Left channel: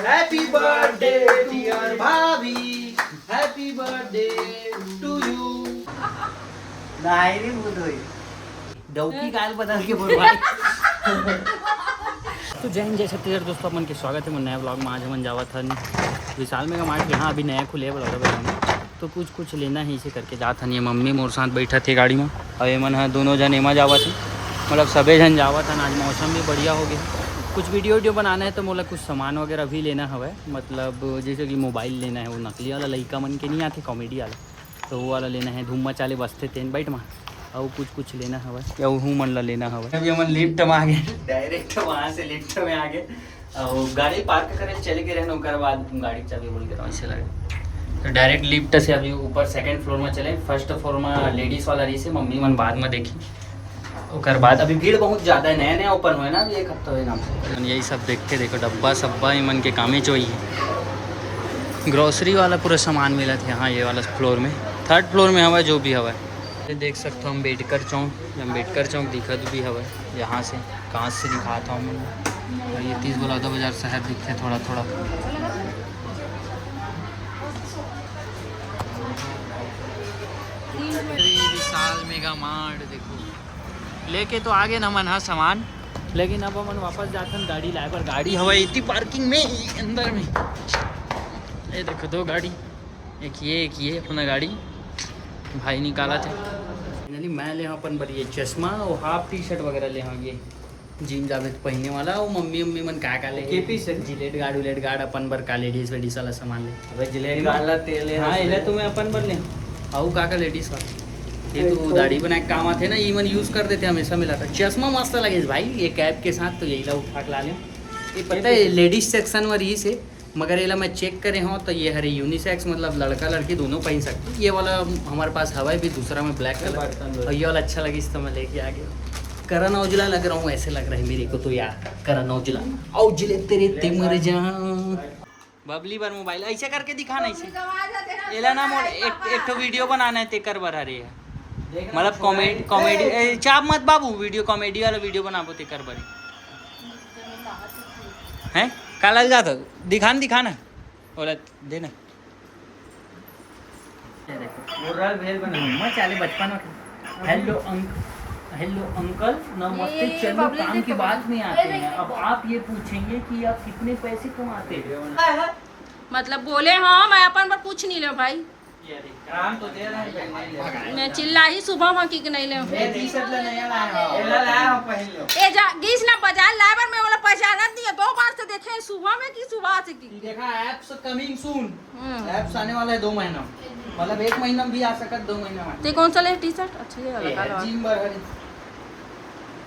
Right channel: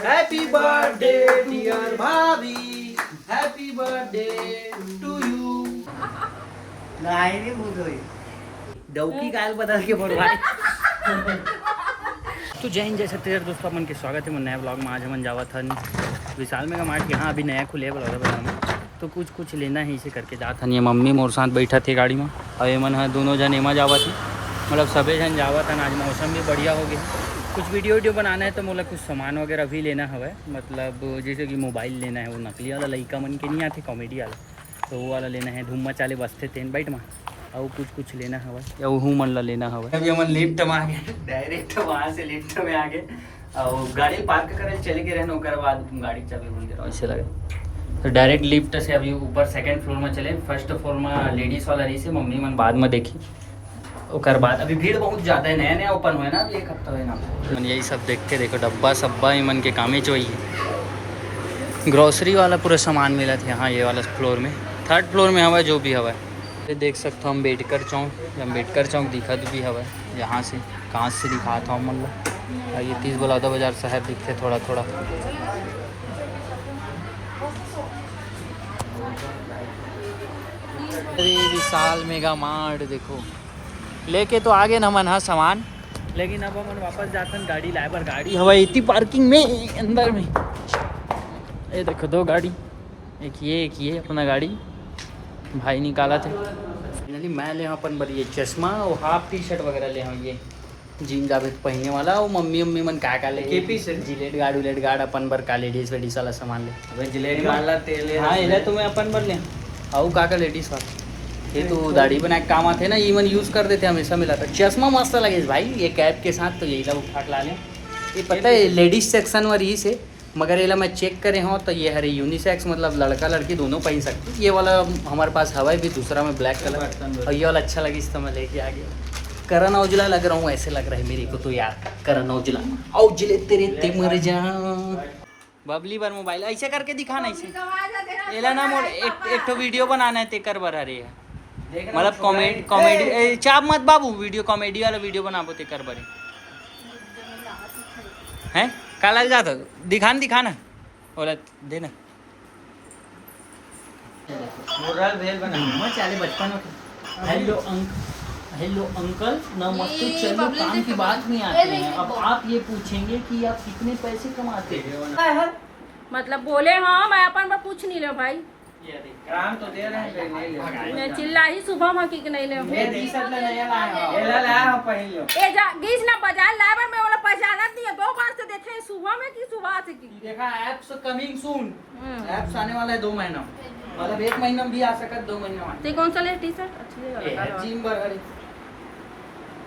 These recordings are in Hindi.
हैप्पी बर्थडे डियर भाभी, हैप्पी बर्थडे टू यू। नाही रे मुदोई डौकी काल बदल के बोलवाए। तो जय हिंद जय छत्तीसगढ़ दोस्तों, अपन के स्वागत है मन नया ब्लॉग में। आज हम जावा था विशाल मेगा मार्ट, यहाँ अभी नया खुले ब्लॉगर बना में, तो कुछ लेना है इसे करके जाता नहीं। मम्मी मोर साथ बैठा थे गाड़ी में और एमन है दोनों जन एमा जावा थे, मतलब सभी जन जावा था। आज मौसम भी बढ़िया हो गया, कुछ वीडियो बनाना है तो मोला कुछ सामान वगैरह भी लेना है, मतलब जैसे कि मोबाइल लेना है, वो नकली वाला लइका मन के नहीं आते कॉमेडी वाला, तो वो वाला लेना है। धूम मचाले बसते तेन बैठ में और कुछ लेना है या वो मन ला लेना है। अभी हम लिफ्ट में आ गए, डायरेक्ट वहाँ से लिफ्ट में आ गए और गाड़ी पार्क करे चले गए रहने, उसके बाद गाड़ी चाबी बोल के ऐसे लगे तो डायरेक्ट लिफ्ट से अभी ऊपर सेकंड फ्लोर में चले। फर्स्ट फ्लोर में लेडीज़ वाला रही से मम्मी मन बाद में देखी, उसके बाद अभी भीड़ बहुत ज़्यादा है, नया नया ओपन हुआ है ना, अभी एक हफ्ता हुआ ना। यही सब देख के देखो डब्बा सब्बा ही मन के कामे चोई है। ग्रोसरी वाला पूरा सामान मिला था यहाँ ये वाला फ्लोर में, थर्ड फ्लोर में हवा जो भी हवा है। ये देख सकते हो अम्बेडकर चौक दिखत भी हवा यहाँ से, कहाँ से दिखा था मतलब ये 30 बलौदा बाजार शहर दिखते थोड़ा थोड़ा। अरे विशाल मेगा मार्ट देखो, लेके तो आगे न मन है सामान, लेकिन अब हम वापस जाते गाड़ी लाए पर। गाड़ी हवा इतनी पार्किंग में अंदर में, ये देखो दो गाड़ी, एक ये अपना गाड़ी भाई निकाला थे। फाइनली मैं ले अपन बड़ी चश्मा और हाफ टी शर्ट वगैरह ले ये जिम जावे तो पहनने वाला। और मम्मी मन का ले जिलेट गार्ड अपन बर का लेडीज वेडीज वाला सामान ले। जिलेट गार्ड ला तेल हाँ एला तो मैं अपन बर ले और का लेडीज वाला ये तो दाढ़ी बना के काम आते ना, ये मन यूज़ कर देते हमेशा मिला था। चश्मा मस्त लगे भाई ये कैप के साथ, तो यही ला उठा के ला लें। ये पता है लेडीज सेक्शन में रही से, मगर ये मैं चेक करे हो तो ये हरे यूनिसेक्स, मतलब लड़का लड़की दोनों पहन सकते। ये वाला हमारे पास हवा है भी दूसरा में ब्लैक कलर, और ये वाला अच्छा लगी तो मैं लेके आ गया। करण औजला लग रहा हूँ ऐसे लग रहा है मेरे को तो यार, करण औजला औजले तेरे ते मर जा। बबली बार मोबाइल ऐसे करके दिखाना, ऐसे एला ना मोल एक तो वीडियो बनाना है ते कर बर हरे है, मतलब कॉमेडी चाप मत बाबू, वीडियो कॉमेडी वाला वीडियो बनाबो ते कर बरे हैं का लग जाता दिखाना बोला देना। चले बचपन में हेलो अंकल नमस्ते, चलो काम की बात में आते हैं। अब आप ये पूछेंगे कि आप कितने पैसे कमाते हैं, मतलब बोले हाँ मैं अपन पर पूछ नहीं ले भाई, काम तो दे रहे हैं, मैं चिल्ला ही सुबह में की नहीं ले मैं टी-शर्ट ले नया लाया हूं, एला लाया हूं पहन लो। ए जा गीस ना बाजार लाए पर मैं वाला पहचाना दिया, 2 बार से देखे सुबह में की सुबह से की देखा एप्स कमिंग सून, एप्स आने वाला है 2 महीना, मतलब 1 महीना में भी आ सकता है, 2 महीना में। ते कौन सा ले टी-शर्ट अच्छी है वाला काला, जिम बर्गर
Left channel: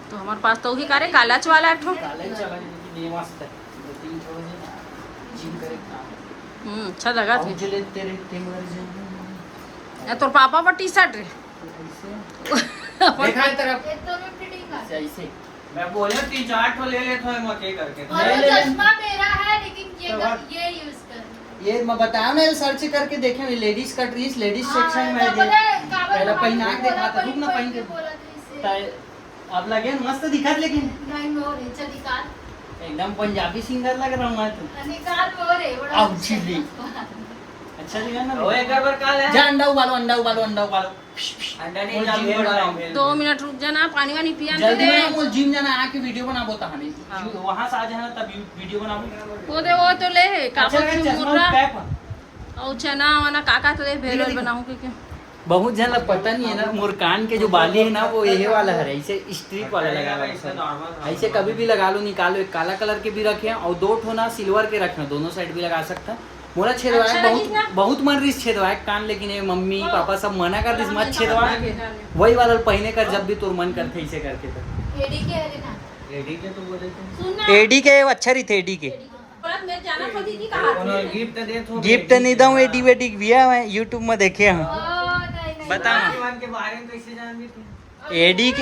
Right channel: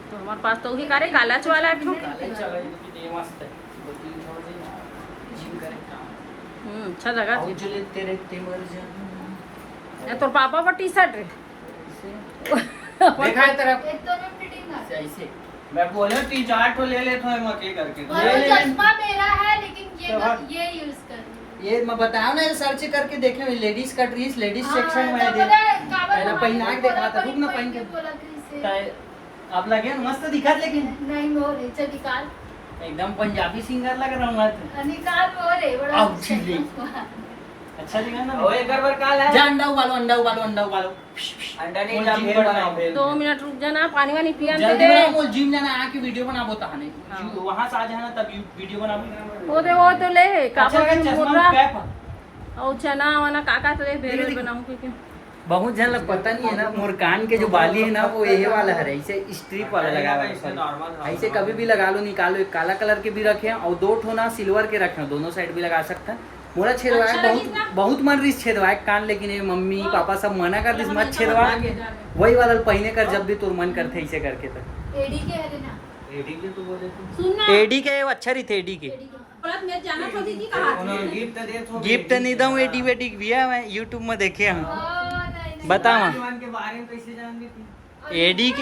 तो हमारे पास तो वही कारे कालाच वाला है ठो, काले चला ये मस्त है, 2-3 थोड़े जिम करे अच्छा लगा थे। औजले तेरे ते मर जा। या तोर पापा पर टी-शर्ट रे देखा तरफ ऐसे मैं बोले 3-4 ठो ले ले तो हम के करके ले चश्मा मेरा है, लेकिन ये यूज कर, ये मैं बताया ना, सर्च करके देखे लेडीज का ड्रेस, लेडीज सेक्शन में पहले पहना के देखा था, रुक ना पहन के अब लगे मस्त दिखत, लेकिन नहीं मोर है, चल निकाल, एकदम पंजाबी सिंगर लग रहा हूँ मैं तो। निकाल मोर है बड़ा अब चिल्ली अच्छा दिखा ना। ओए एक बार काल है जा, अंडा उबालो अंडा नहीं जाम पड़ 2 मिनट रुक जाना, पानी वानी पिया दे जल्दी बना, बोल जिम जाना आके वीडियो बना बोता हने वहां से आ जाना तब वीडियो बनाओ। वो तो ले कापा अच्छा, की चश्मा मुर्रा कैप है। और चना वाना काका तो ले भेल बनाऊं के क्या। बहुत जन लोग पता नहीं है ना, मोर कान के जो बाली है ना वो यही वाला है, ऐसे स्ट्रिप वाला लगा हुआ है, सॉरी ऐसे कभी भी लगा लो, निकालो। एक काला कलर के भी रखे हैं और 2 ठो ना सिल्वर के रखे हैं, दोनों साइड भी लगा सकते हैं। मोला छेदवा अच्छा बहुत मन रही छेदवा कान, लेकिन ये मम्मी पापा सब मना कर दिस मत छेदवा, वही वाला पहने कर जब भी तोर मन करते ऐसे करके। तो एडी के है ना, एडी के तो बोले थे, सुन ना एडी के अच्छा रही थे, एडी के जाना था दीदी कहा गिफ्ट दे तो गिफ्ट नहीं दूँ, एडी वेडी भैया मैं यूट्यूब में देखे हैं, बताओ जीवन के बारे में कैसे जान तू।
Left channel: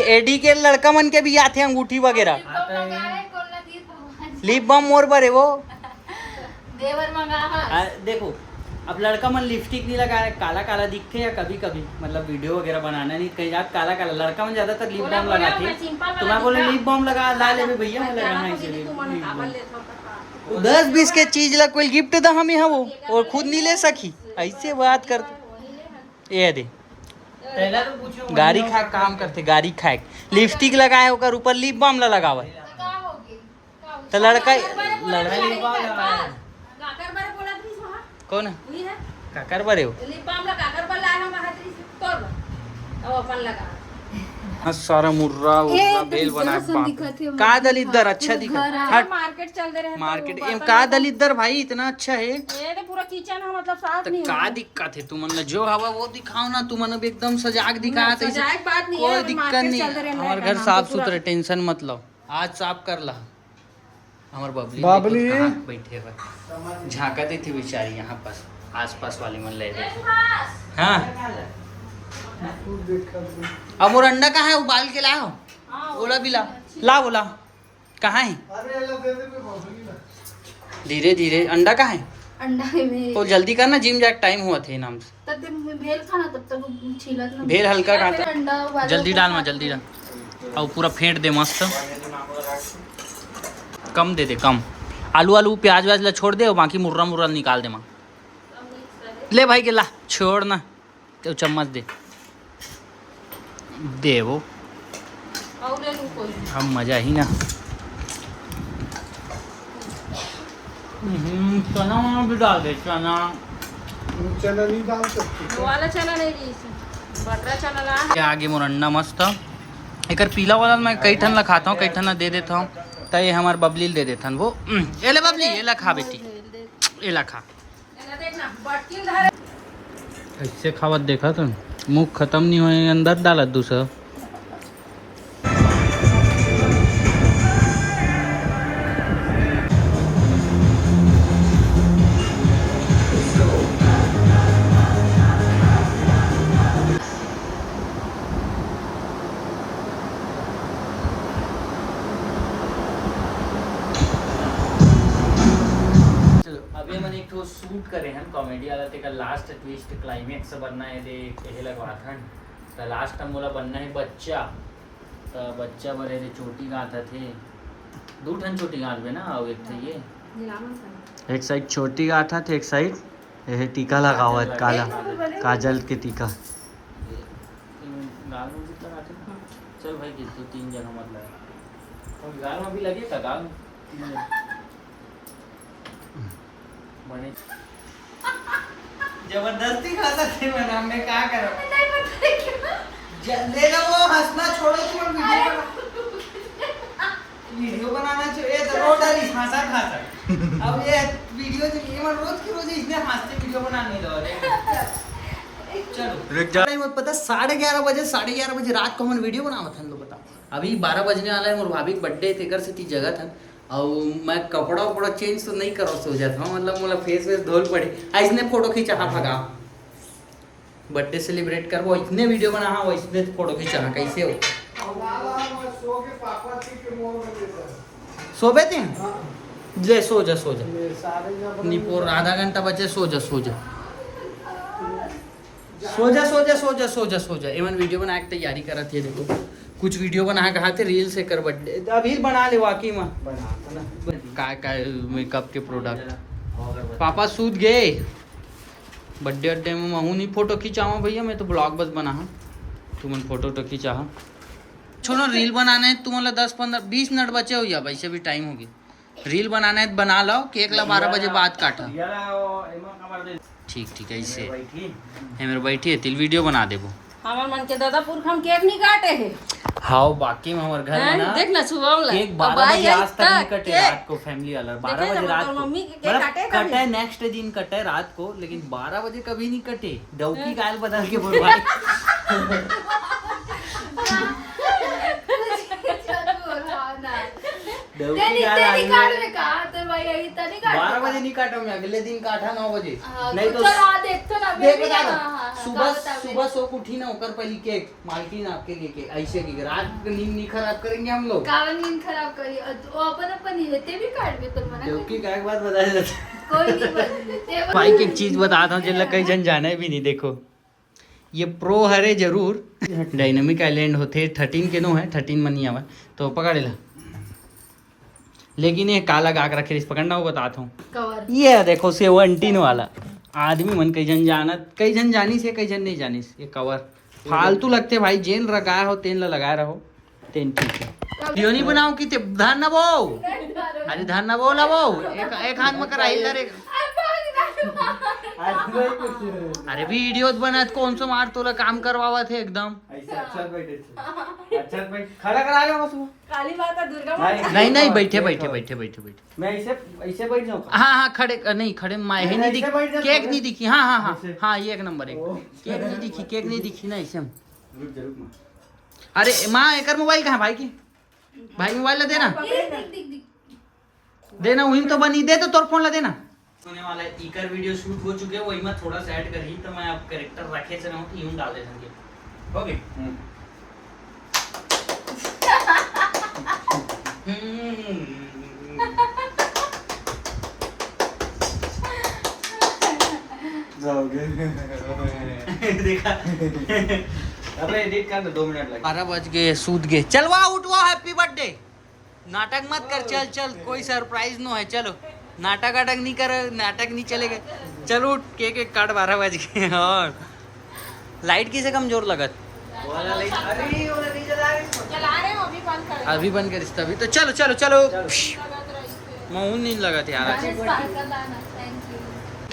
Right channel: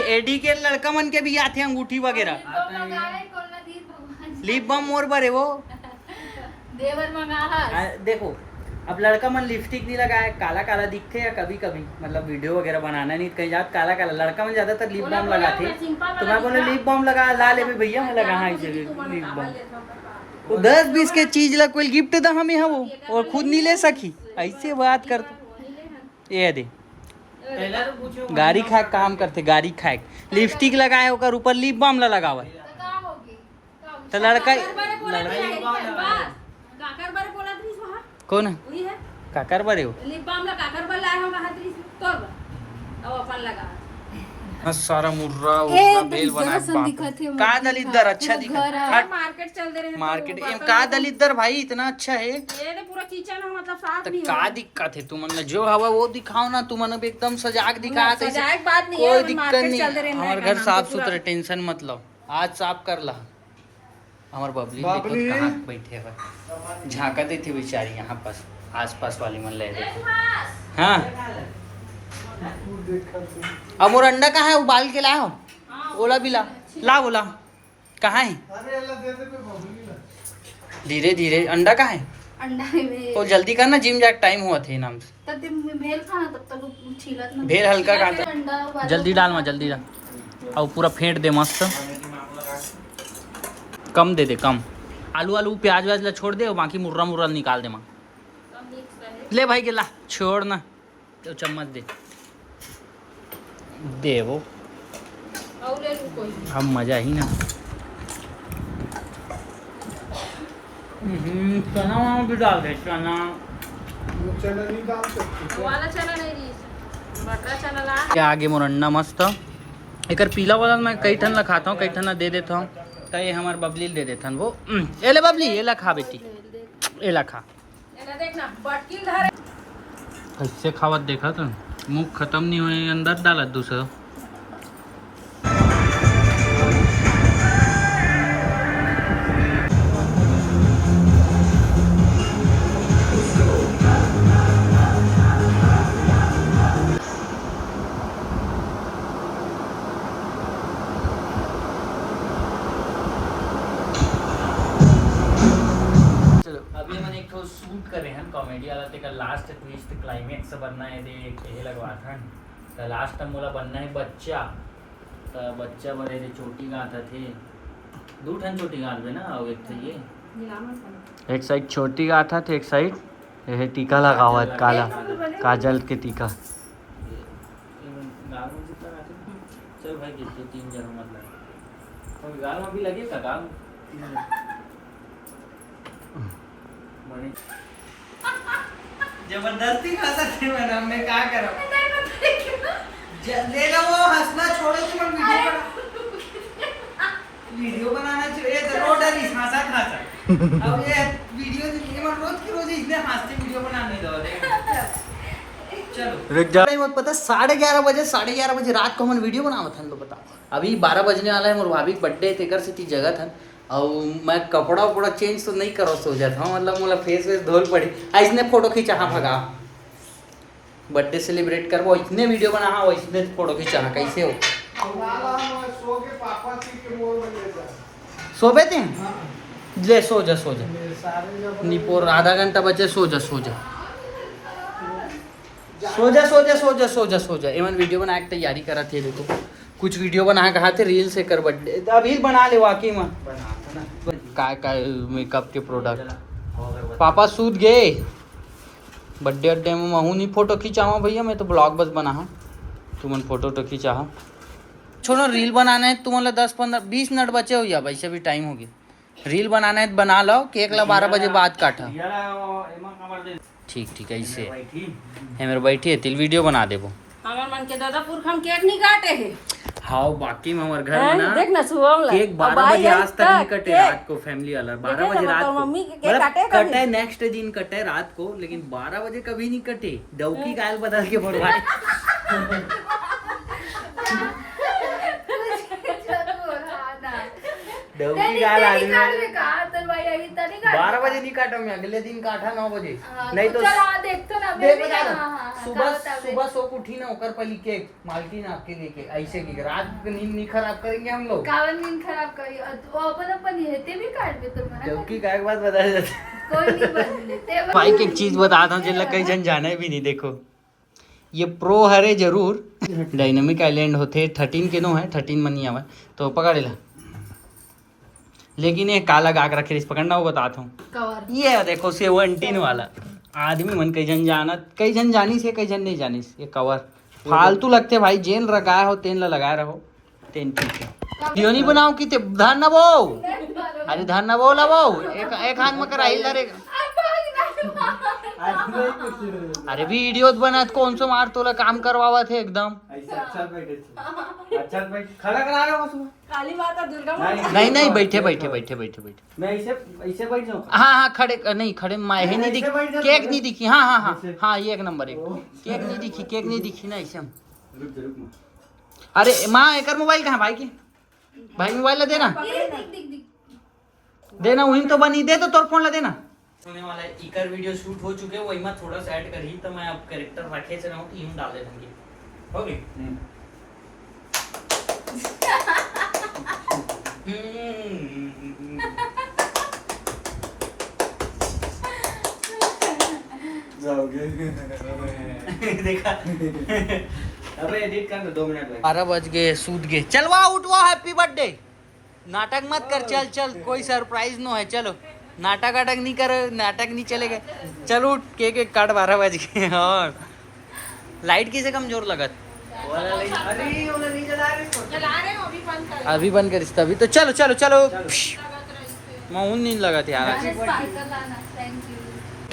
एडी के लड़का मन के भी आते हैं अंगूठी वगैरह, लिप बाम मोर पर है वो देवर मंगा देखो। अब लड़का मन लिपस्टिक नहीं लगाया, काला काला दिखते हैं कभी कभी, मतलब वीडियो वगैरह बनाना नहीं कहीं जात काला काला। लड़का मन ज्यादातर लिप बाम लगाते, तो मैं बोले लिप बाम लगा ला ले भैया, मैं लगा हाँ इसे लिप बाम 10-20 के चीज ला कोई गिफ्ट दा हमें वो और खुद नहीं ले सकी, ऐसे बात करते। ये दे गाड़ी खाए काम करते, गाड़ी खाए लिपस्टिक लगाए ओकर ऊपर लिप बाम ला लगावा तो लड़का काकर बारे बोला थी वहां कौन वही है काकर बरे हो लिप बाम ला काकर बारे लाए हम हाथ री से तोड़ अब अपन लगा सारा मुर्रा उर्रा बेल बना का दलिद्दर अच्छा दिखा मार्केट चल दे रहे मार्केट का दलिद्दर भाई इतना अच्छा है। ये तो पूरा किचन है मतलब साफ तो नहीं का दिक्कत है तुम जो हवा वो दिखाओ ना, तुम एकदम सजाग दिखा सजाए बात नहीं कोई है दिक्कत नहीं। हमारे घर साफ सुथरा, टेंशन मत लो, आज साफ कर ला। हमारे बबली कहाँ बैठे हुए झाँका दी थी बेचारी यहाँ पर, आसपास वाली मन ले रही। हाँ अब वो अंडा कहाँ है, उबाल के लाओ, ओला भी ला ला बोला कहाँ है, धीरे धीरे अंडा कहाँ है, अंडा में तो जल्दी करना, जिम जाके टाइम हुआ थे नाम से। तब भेल खाना तब तक वो छीलत ना भेल हल्का खाता, अंडा उबाला जल्दी डाल मा जल्दी डाल, और पूरा फेंट दे मस्त, कम दे दे कम, आलू आलू प्याज व्याज ला छोड़ दे और बाकी मुर्रा मुर्रा निकाल दे माँ। ले भाई के ला छोड़ ना, तो चम्मच दे वो और ले लूं कोई हम मजा ही ना। चना भी डाल दे, चना नहीं डाल सकती। वाला चने नहीं ली बटरा चना ला के आगे मोरन्ना मस्त एक पीला वाला मैं कई ठन ला खाता हूँ, कई ठन ला दे देता हूँ, तो ये हमारे बबली दे देता वो। ए ले बबली ये ला खा बेटी, ये ला खा, देखना बटकिन धरे ऐसे खावत देखा तो मुंह खत्म नहीं हुए अंदर डालत दूसरा। अभी मैंने एक तो शूट करे हैं कॉमेडी वाला ते का लास्ट ट्विस्ट क्लाइमेक्स बनना है, देख ये लगवा था तो लास्ट टाइम बोला बनना है बच्चा, तो बच्चा बड़े रे चोटी गाता थे, दो ठन चोटी गात बे ना, और एक थे ये एक साइड छोटी गाथा थे, एक साइड ये टीका लगा हुआ है काला काजल के टीका। चल भाई कितने 3 जन मतलब गाल में भी लगे था गाल बने जबरदस्ती खा सकते हैं मैडम, मैं क्या करूं, ले लो वो हंसना छोड़ो, तुम वीडियो बनाना चाहिए तो रोड है हंसा खाता। अब ये वीडियो से रोज की रोज इसने हंसते वीडियो बनाने दो रे। चलो रुक जा, मत पता 11:30 बजे रात को हम वीडियो बनावत हन, लो बताओ अभी 12 बजने वाला है, मोर भाभी के बर्थडे थे, कर से ती जगह था और मैं कपड़ा उपड़ा चेंज तो नहीं करो सो जाता हूँ, मतलब मोला फेस वेस धोल पड़े, इसने फोटो खींचा हाँ भगा बर्थडे सेलिब्रेट कर वो इतने वीडियो बना हाँ, वो इसने फोटो खींचा हाँ, कैसे हो सो बेते हैं, ले सो जा निपोर आधा घंटा बचे, सो जा एमन वीडियो बना के तैयारी करा थी, देखो कुछ वीडियो बना कहा थे रील से कर बर्थडे अभी बना ले वाकई में का मेकअप के प्रोडक्ट। पापा सूत गए बर्थडे अड्डे में, महू नहीं फोटो खींचावा भैया, मैं तो ब्लॉग बस बना हाँ, तुमन फोटो तो खींचा हाँ, छोड़ो रील बनाना है तुम्हारा 10-15-20 मिनट बचे हो या वैसे भी टाइम होगी, रील बनाना है बना लो, केक ला 12 बजे बाद काटा, ठीक ऐसे है मेरे बैठी है तिल वीडियो बना देबो। हमार मन के दादा पुरख हम केक नहीं काटे हैं, हाँ बाकी में हमारे घर में ना देख ना सुबह में केक 12 बजे आज तक नहीं कटे, रात को फैमिली वाला 12 बजे रात को मम्मी के केक काटे मतलब कटे नेक्स्ट दिन कटे रात को, लेकिन 12 बजे कभी नहीं कटे, डौकी गाल बदल के बर्बाद। डौकी गाल आ गई 12 बजे नहीं काटा मैं, अगले दिन काटा 9 बजे, नहीं तो देख बता रहा सुबह सो को उठी ना होकर पहली केक माल्टीन आपके लिए केक ऐसे की रात नींद नहीं खराब करेंगे हम लोग, नींद खराब करी अपन येते भी काढ तो मला डौकी का एक बात बता देते कोई नहीं बनते भाई एक चीज बताता हूँ जिला कई जन जाना भी नहीं, देखो ये प्रो हरे जरूर डायनामिक आइलैंड होते 13 के नो है 13 मनी आवा तो पकड़ेला लेकिन ये काला घाघरा खरीस पकड़ना हो बताता हूँ। कवर ये देखो से वो अंटीन वाला आदमी मन कई जन जानत, कई जन जानी से कई जन नहीं जानी से। ये कवर फालतू लगते भाई, जेन लगाया हो तेन ला लगाए रहो तेन ठीक है। क्यों नहीं बनाओ कि धान ना बो, अरे धान ना बो ला बो, एक हाथ में करा हिल रे। अरे वीडियो बनत कौन सा मार तोला काम करवावा थे एकदम। खड़ा करा रहा हूँ उसको। काली माता दुर्गा नहीं नहीं बैठे बैठे बैठे बैठे बैठे। मैं ऐसे ऐसे बैठ जाऊँ। हाँ हाँ खड़े नहीं खड़े माए नहीं ऐसे दिखी, बैठ जा, केक नहीं दिखी। हाँ हाँ हाँ ऐसे। हाँ ये एक नंबर एक केक नहीं दिखी, केक नहीं दिखी ना ऐसे। रुक जा रुक ना। अरे माँ एक मोबाइल कहाँ भाई की, भाई मोबाइल ला देना, देना वही तो बनी दे तो तोर फोन ला देना। होने वाला है इकर वीडियो शूट हो चुके हैं, वही मैं थोड़ा सा ऐड करी तो मैं अब कैरेक्टर रखे से ना यूं डाल देता हूं। हो गए देखा। अबे एडिट कर दो 2 मिनट लगे। 12 बज गए, सूत गए। चल वाह उठ वाह, हैप्पी बर्थडे। नाटक मत कर, चल चल कोई सरप्राइज नो है। चलो नाटक वाटक नहीं कर, नाटक नहीं चलेगा। चलो उठ, केक एक काट। 12 बज गए और लाइट किसे कमजोर लगत। जला रहे हो अभी बंद कर। अभी बंद कर तभी तो। चलो चलो चलो मैं नहीं लगा था यार। स्पार्कल लाना। Thank you.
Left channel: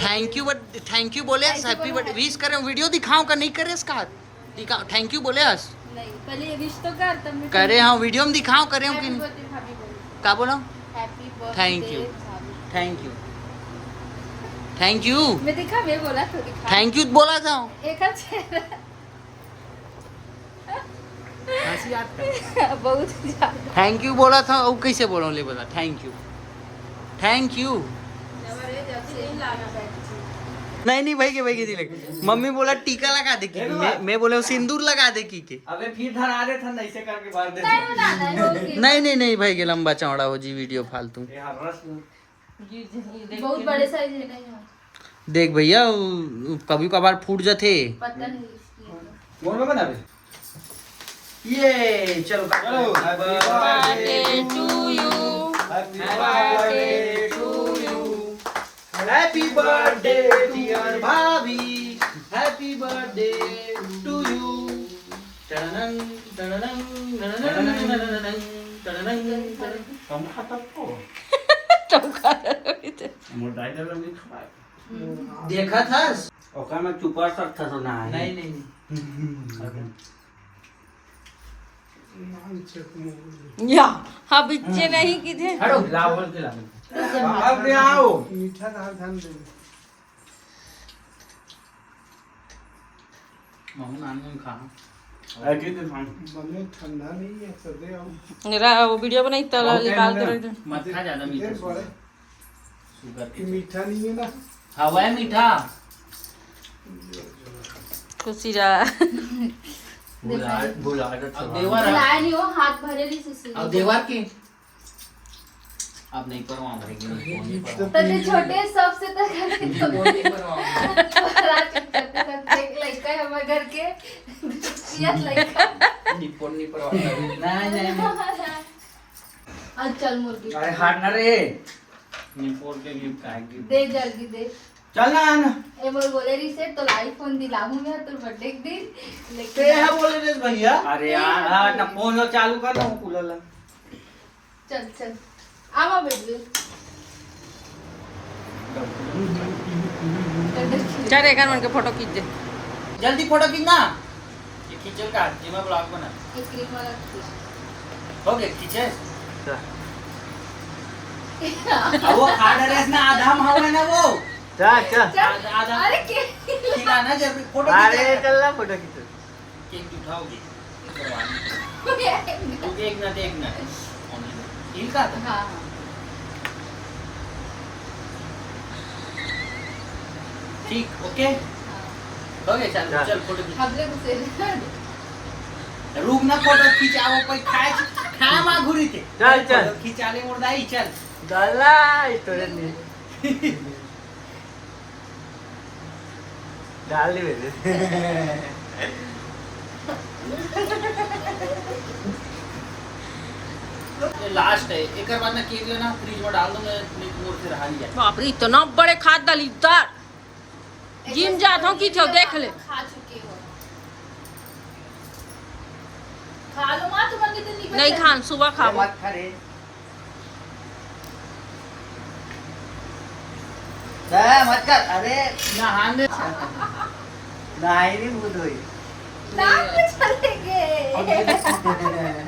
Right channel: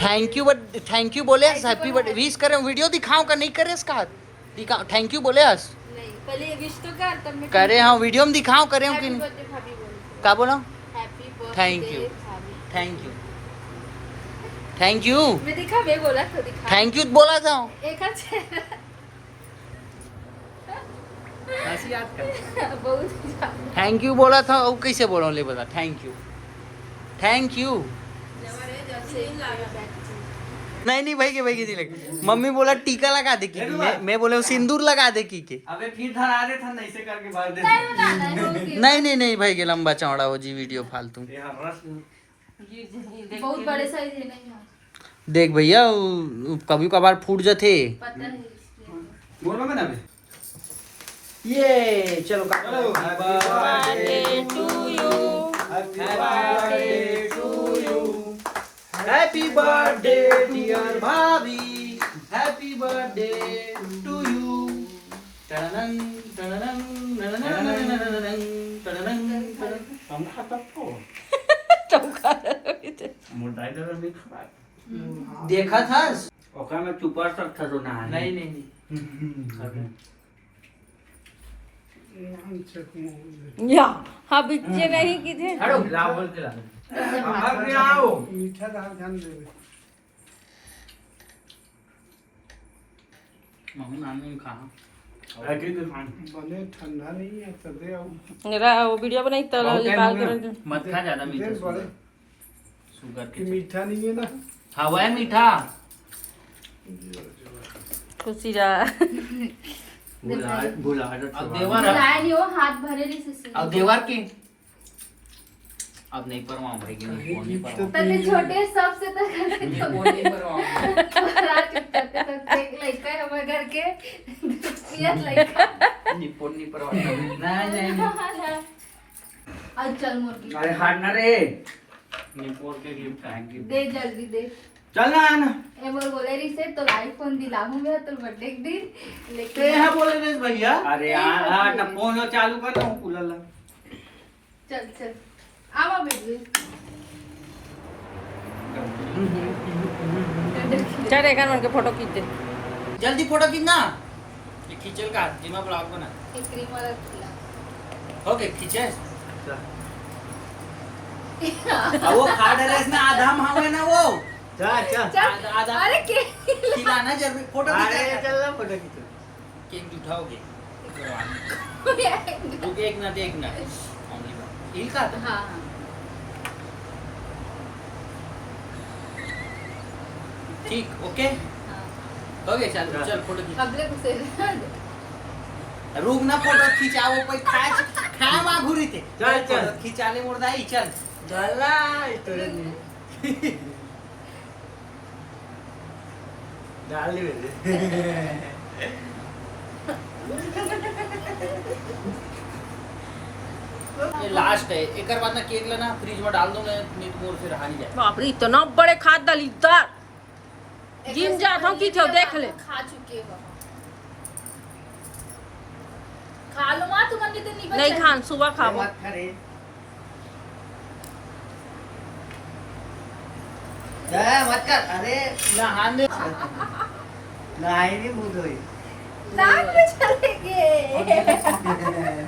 Thank you but thank you बोले हैप्पी बर्थडे विश करें, वीडियो दिखाऊं का नहीं करे इसका दिखाओ। थैंक यू बोले हस नहीं पहले विश तो कर, तब मैं करे। हाँ वीडियो में दिखाऊं करे कि हैप्पी नहीं। बर्थडे भाभी बोल। का बोला हैप्पी बर्थडे Thank you. भाभी। थैंक यू थैंक यू मैं दिखा, मैं बोला तो दिखा। थैंक यू बोला था। एक अच्छा हंसी याद कर। बहुत ज्यादा। थैंक यू बोला था वो कैसे बोला ले बता। Thank you thank you. नहीं नहीं भाई के भाई के दिले। मम्मी बोला टीका लगा दे की, मैं बोले सिंदूर लगा दे की के। अबे फिर धरा दे था ऐसे करके भर दे। नहीं नहीं नहीं भाई के लंबा चौड़ा हो जी वीडियो फालतू। ये हर्रस बहुत बड़े साइज है ना, देख भैया कभी कभार फूट जाते। पता नहीं। बोल में बना बे। ये चलो चलो। Birthday to you, birthday to you, happy birthday dear भाभी, हैप्पी बर्थडे टू यू। टननन टननन टननन टननन टननन। हम खाता को मोटा जब भी खा देखा था ओका में चुपा सकता तो ना। नहीं नहीं या हाँ बच्चे नहीं की थे। हटो लाओ बोल के लाओ। अब ले आओ। मीठा रहा ध्यान दे। मामू नान में खा अजी तो बने ठंडा नहीं है तो दे आओ। मेरा वो वीडियो बनाई तो निकाल के रख दे। मत खा ज्यादा मीठा। दे बड़े शुगर कि मीठा नहीं है ना। हाँ वह मीठा। खुशी जा बुला अब देवर लाया नहीं हो, हाथ भरे नहीं से। अब देवर की अब नहीं परवा भरेगी। नहीं फोन नहीं परवा पहले छोटे सबसे तो करते तो फोन नहीं परवा एक लड़का है हमारे घर के, ये लड़का। नहीं फोन नहीं परवा। नहीं नहीं आज चल मुर्गी अरे हाथ ना रे। नहीं फोन के गिफ्ट खाएंगे। दे, जल्दी दे। चल ना आना। ए मोर बोले रिसेट तो आईफोन दिलाऊं मैं तो बर्थडे के दिन, ते लेकिन है बोले देश भैया। अरे यार हाँ ना फोन चालू कर दो कूलर ला। चल चल आवा बेटी। चल एक मन के फोटो खींच दे। जल्दी फोटो खींचना। ये खींचल का ये मैं ब्लॉग बना। एक क्रीम वाला दिया। हो गए खींचे। अब वो खा डाले ना आधा मावे ना वो। चल चल। आधा अरे के खिलाना जरूरी। फोटो अरे खींचे चल ना फोटो खींच। केक उठाओगे रुक एक मिनट हिल का था। हाँ ठीक ओके हो गया। चल चल फोटो खींच। खबरे घुसे रुक ना फोटो खिंचाओ पे खाए खाए मा घुरी थे। चल, चल। खिंचाले मुर्दाई चल। डाला तो नहीं। डाली मेरे। ये लास्ट है, एक बार ना केक लेना फ्रिज में डाल दूंगा, नहीं तो फिर हारी जाए। बाप रे इतना बड़े खाद दलीदार जिम जाता हूँ की छो देख ले। खा चुके हो, खा लो माँ, तुम्हारे दिन नहीं नहीं खान सुबह खाबो। मत खा रे। मत कर, अरे नहाने नहीं मुँह धोई। नाक में चले गए।